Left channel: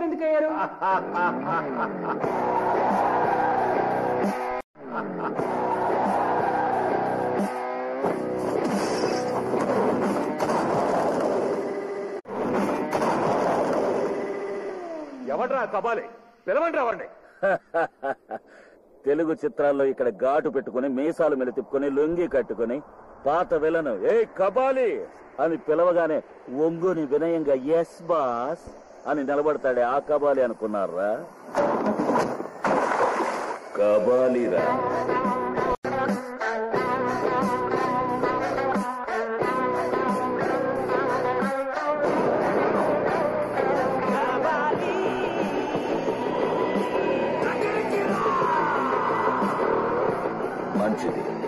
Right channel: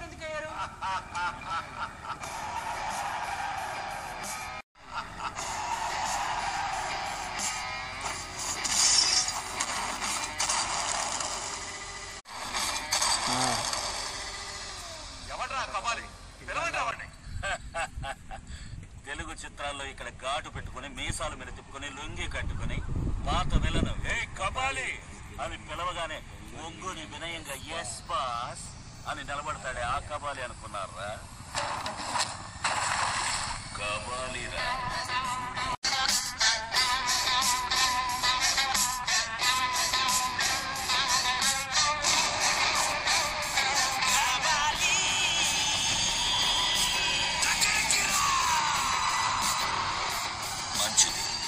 Hero ఎందుకు అయ్యారు? ఎవడ్రా కబాలి? పిలవండ్రా వాడిని. తెలుగు చిత్రాల్లో ఇక్కడ ఘాటు పెట్టుకుని మీసాలు మీద తిప్పుకొని లొంగి కట్టుకుని పాత విలను ఏ కబాలి అని పిలవగానే ఒంగుని వినయంగా ఎస్ బాస్ అని నిలబడతాడే ఆ కబాలి అనుకున్నారా? కబాలిరా. మంచిది.